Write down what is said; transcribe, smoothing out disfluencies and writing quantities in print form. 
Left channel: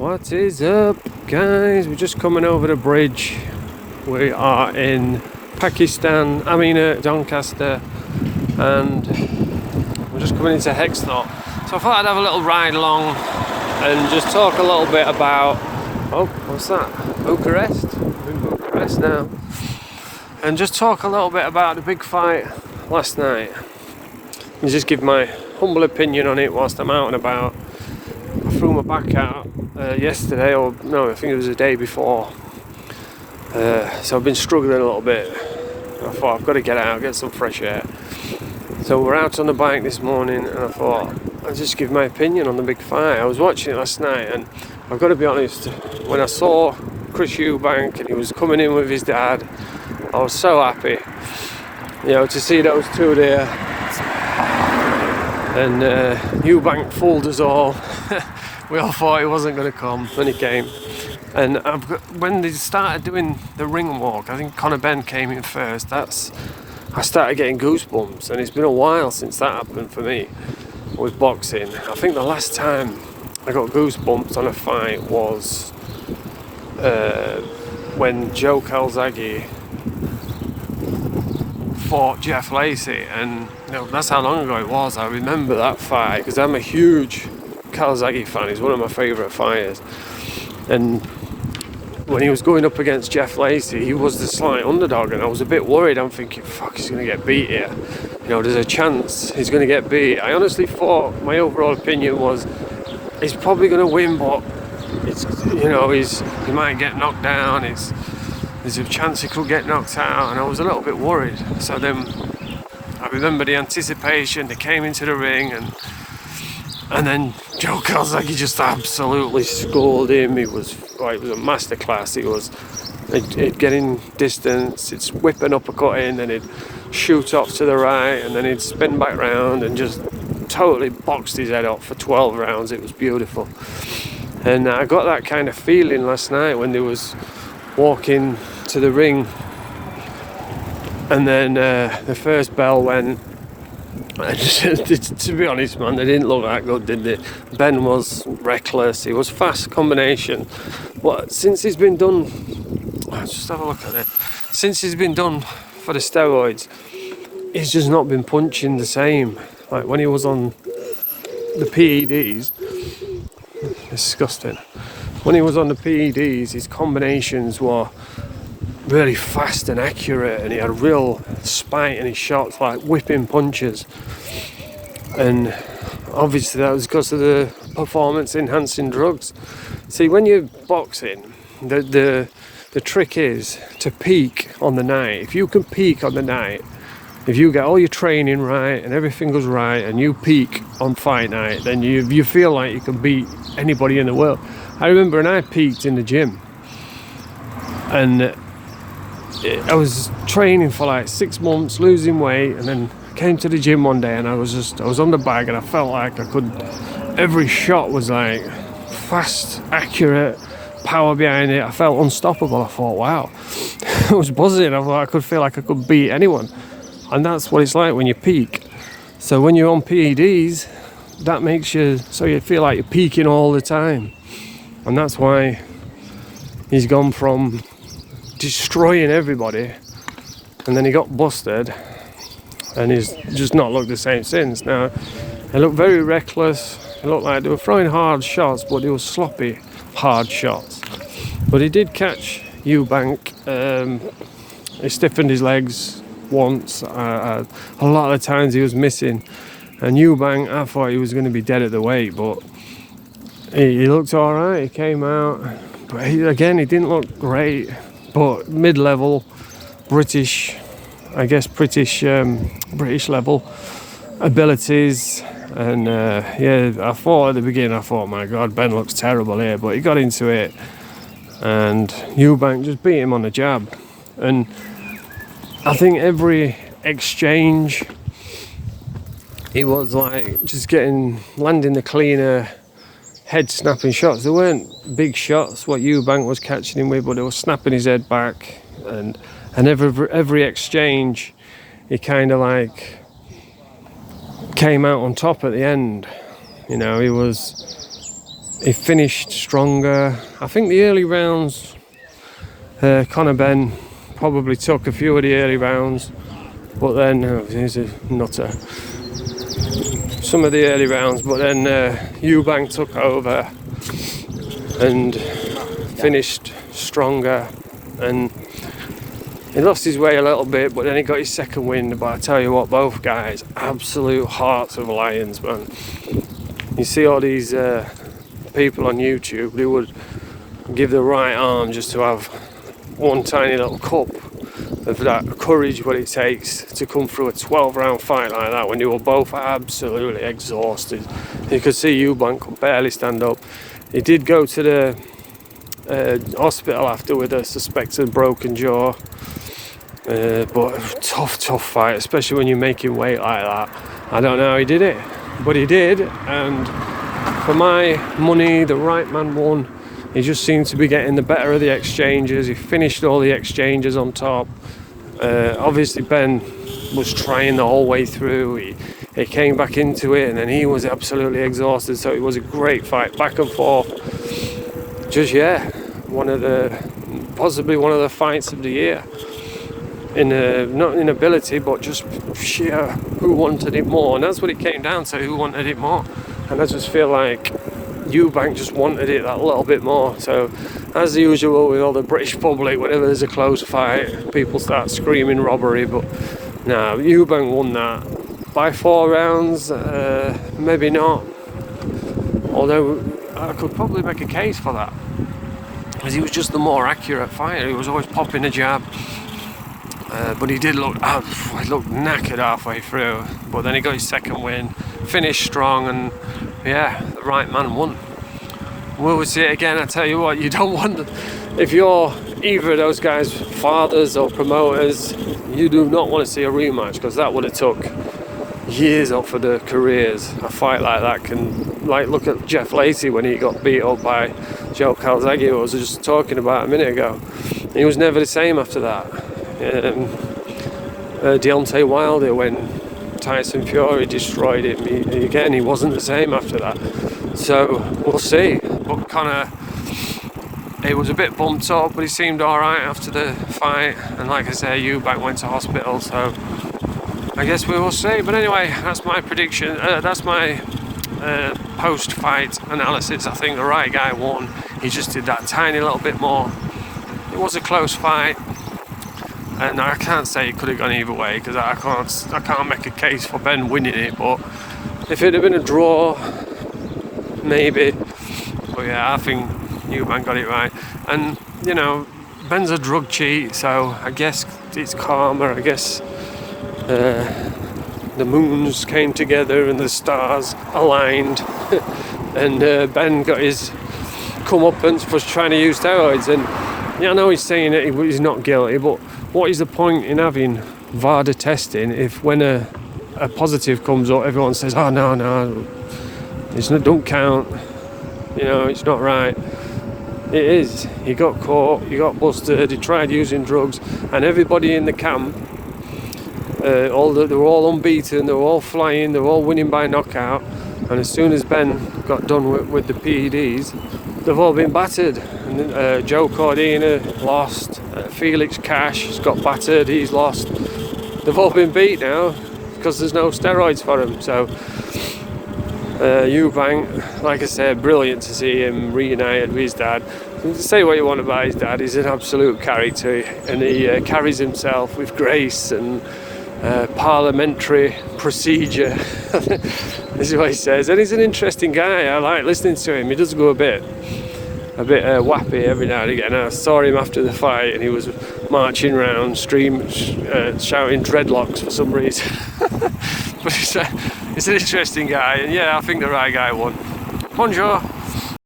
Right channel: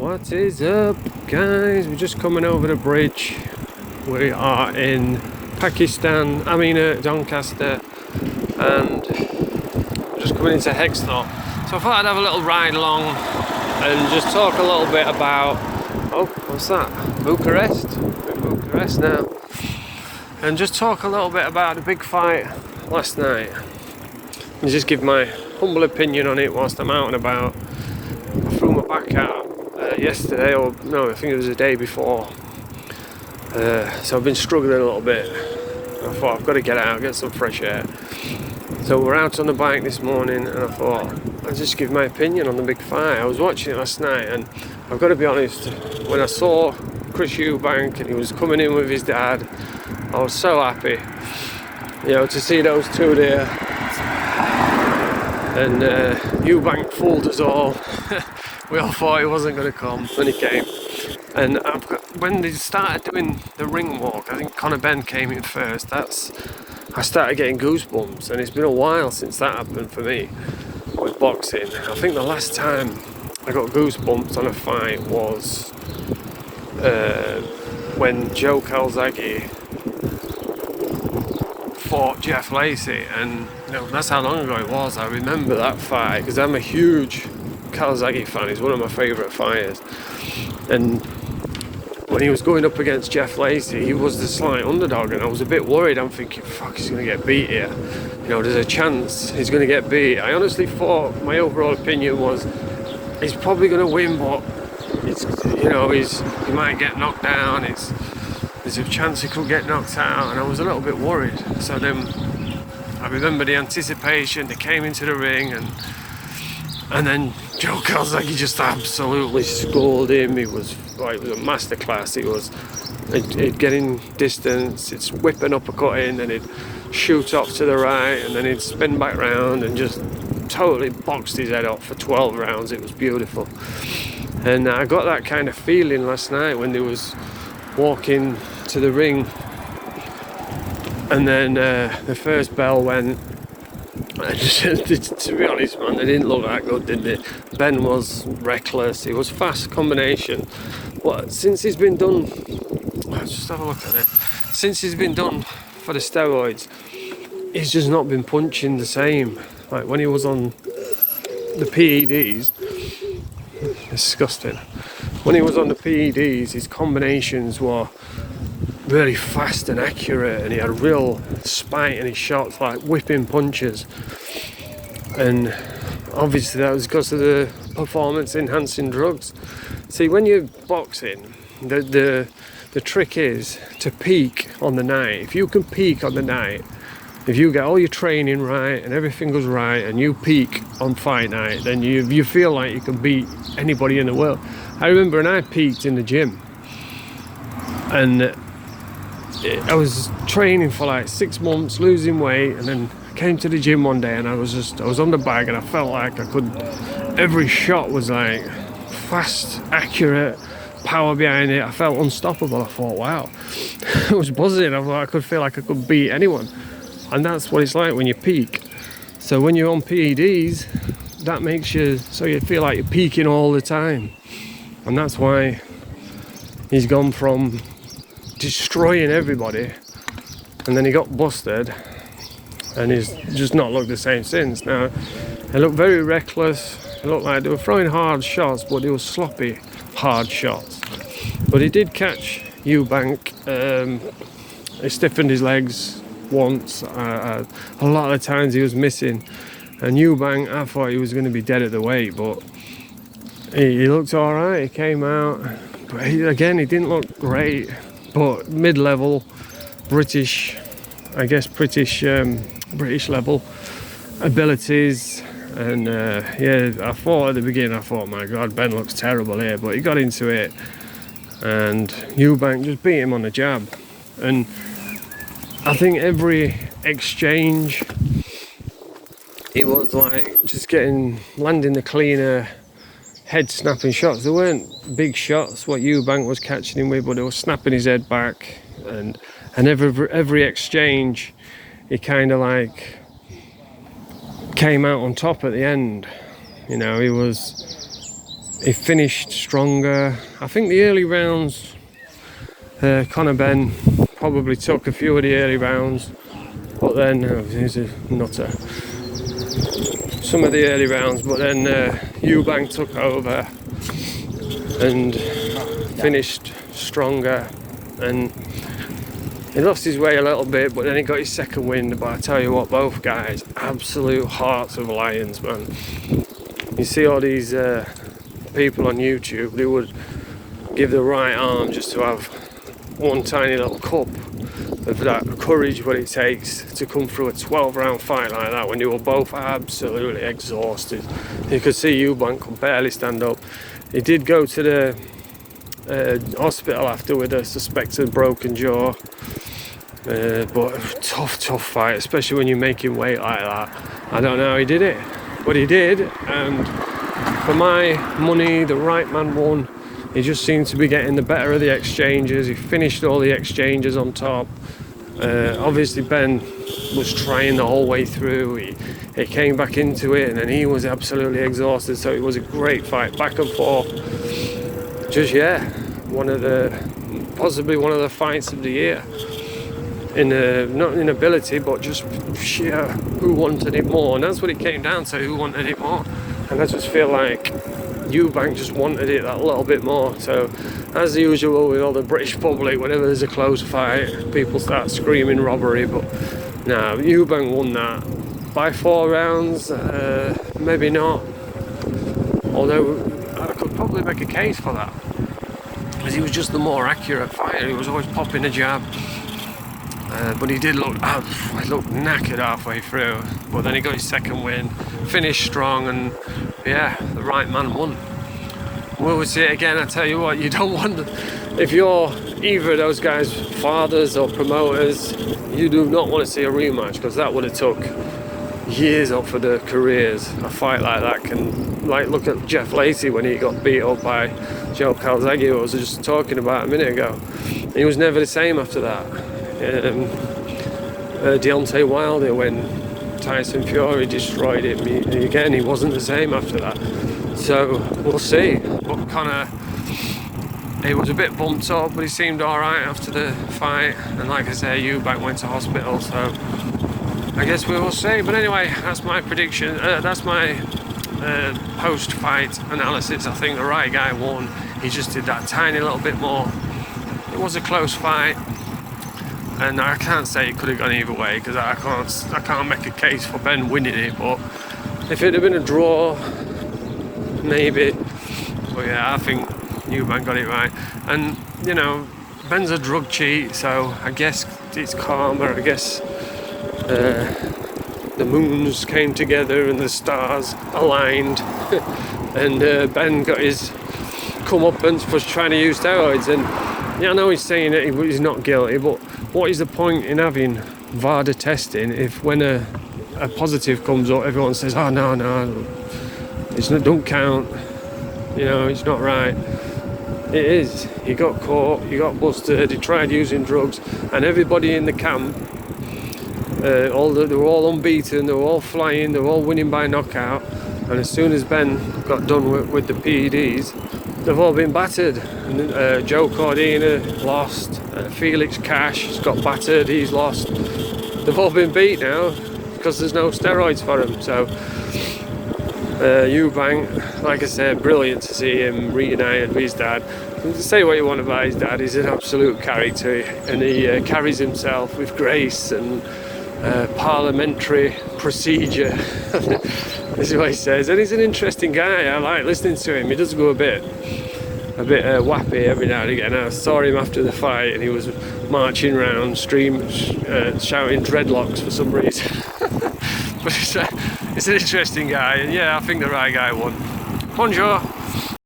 What is up, guys? We're just coming over the bridge. We are in Pakistan, Doncaster, and we're just coming into Hexthorpe. So I thought I'd have a little ride along and just talk a little bit about, oh, what's that? Bucharest? We're in Bucharest now. And just talk a little bit about the big fight last night. And just give my humble opinion on it whilst I'm out and about. I threw my back out yesterday, or no, I think it was the day before. So I've been struggling a little bit. I thought I've got to get out, get some fresh air. So we're out on the bike this morning, and I thought I'll just give my opinion on the big fight. I was watching it last night, and I've got to be honest, when I saw Chris Eubank and he was coming in with his dad, I was so happy, to see those two there. And Eubank fooled us all. We all thought he wasn't going to come, then he came. And when they started doing the ring walk, I think Conor Ben came in first. I started getting goosebumps, and it's been a while since that happened for me with boxing. I think the last time I got goosebumps on a fight was when Joe Calzaghe fought Jeff Lacey, and that's how long ago it was. I remember that fight because I'm a huge Calzaghe fan. He's one of my favourite fighters, and when he was going up against Jeff Lacey, he was the slight underdog, and I was a bit worried. I'm thinking, fuck, he's going to get beat here. There's a chance he's going to get beat. I honestly thought, my overall opinion was, he's probably going to win, but it's, he might get knocked down. There's a chance he could get knocked out, and I was a little bit worried. So then I remember the anticipation. They came into the ring, and then Joe Calzaghe just absolutely schooled him. It was a masterclass. It was getting distance, it's whipping uppercut in, then he'd shoot off to the right, and then he'd spin back round and just totally boxed his head off for 12 rounds. It was beautiful. And I got that kind of feeling last night when they was walking to the ring, and then the first bell went. To be honest, man, they didn't look that good, did they? Ben was reckless. He was fast combination. But since he's been done, let's just have a look at it. Since he's been done for the steroids, he's just not been punching the same. Like when he was on the PEDs, disgusting. When he was on the PEDs, his combinations were really fast and accurate, and he had real spite in his shots, like whipping punches. And obviously that was because of the performance enhancing drugs. See, when you're boxing, the trick is to peak on the night. If you can peak on the night, if you get all your training right and everything goes right, and you peak on fight night, then you feel like you can beat anybody in the world. I remember when I peaked in the gym, and I was training for like 6 months, losing weight, and then came to the gym one day, and I was on the bag, and I felt like every shot was like fast, accurate, power behind it. I felt unstoppable. I thought, wow. I was buzzing. I thought I could feel like I could beat anyone. And that's what it's like when you peak. So when you're on PEDs, that makes you so you feel like you're peaking all the time. And that's why he's gone from destroying everybody, and then he got busted, and he's just not looked the same since. Now, they looked very reckless. It looked like they were throwing hard shots, but they were sloppy, hard shots. But he did catch Eubank. He stiffened his legs once. A lot of the times he was missing. And Eubank, I thought he was going to be dead at the weight, but he looked all right. He came out, but he didn't look great. But mid-level, British level abilities. And I thought at the beginning, my God, Ben looks terrible here. But he got into it, and Eubank just beat him on the jab. And I think every exchange, it was like just landing the cleaner, head-snapping shots. They weren't big shots, what Eubank was catching him with, but they were snapping his head back. And every exchange, he kind of like came out on top at the end. He was he finished stronger. I think the early rounds, Conor Benn probably took a few of the early rounds, but then he's a nutter. Some of the early rounds, but then Eubank took over and finished stronger, and he lost his way a little bit, but then he got his second win. But I tell you what, both guys, absolute hearts of lions, man. You see all these people on YouTube who would give the right arm just to have one tiny little cup of that courage, what it takes to come through a 12-round fight like that when they were both absolutely exhausted. You could see Eubank could barely stand up. He did go to the hospital after with a suspected broken jaw, but tough fight, especially when you're making weight like that. I don't know how he did it, but he did, and for my money, the right man won. He just seemed to be getting the better of the exchanges. He finished all the exchanges on top. Obviously Ben was trying the whole way through. He came back into it, and then he was absolutely exhausted, so it was a great fight, back and forth. Just possibly one of the fights of the year, not in ability, but just sheer who wanted it more. And that's what it came down to, who wanted it more. And I just feel like Eubank just wanted it that little bit more. So as usual with all the British public, whenever there's a close fight, people start screaming robbery, but no, Eubank won that by 4 rounds. Maybe not, although I could probably make a case for that, because he was just the more accurate fighter. He was always popping a jab, but he did look knackered halfway through. But then he got his second win, finished strong, and yeah, the right man won. Will we see it again? I tell you what, you don't want if you're either of those guys' fathers or promoters, you do not want to see a rematch, because that would have took years off of their careers. A fight like that can, like, look at Jeff Lacey when he got beat up by Joe Calzaghe, who I was just talking about a minute ago. He was never the same after that. Deontay Wilder, when Tyson Fury destroyed him, he wasn't the same after that. So we'll see. But Conor, he was a bit bumped up, but he seemed alright after the fight. And like I say, Eubank went to hospital, so I guess we will see. But anyway, that's my prediction. That's my post-fight analysis. I think the right guy won. He just did that tiny little bit more. It was a close fight, and I can't say it could have gone either way, because I can't make a case for Ben winning it. But if it had been a draw, maybe. But yeah, I think Eubank got it right. And you know, Ben's a drug cheat, so I guess it's karma. I guess the moons came together and the stars aligned, and Ben got his comeuppance for trying to use steroids. And yeah, I know he's saying that he's not guilty, but what is the point in having VADA testing if when a positive comes up, everyone says, oh no, don't count, you know, it's not right. It is. He got caught, he got busted, he tried using drugs, and everybody in the camp, they were all unbeaten, they were all flying, they were all winning by knockout. And as soon as Ben got done with the PEDs, they've all been battered. And Joe Cordina lost, Felix Cash has got battered, he's lost. They've all been beat now because there's no steroids for them. So Eubank, like I said, brilliant to see him reunited with his dad. You can say what you want about his dad, he's an absolute character, and he carries himself with grace and parliamentary procedure. This is what he says, and he's an interesting guy. I like listening to him. He does go a bit wappy every now and again. I saw him after the fight, and he was marching around, shouting dreadlocks for some reason. But he's an interesting guy, and yeah, I think the right guy won. Bonjour.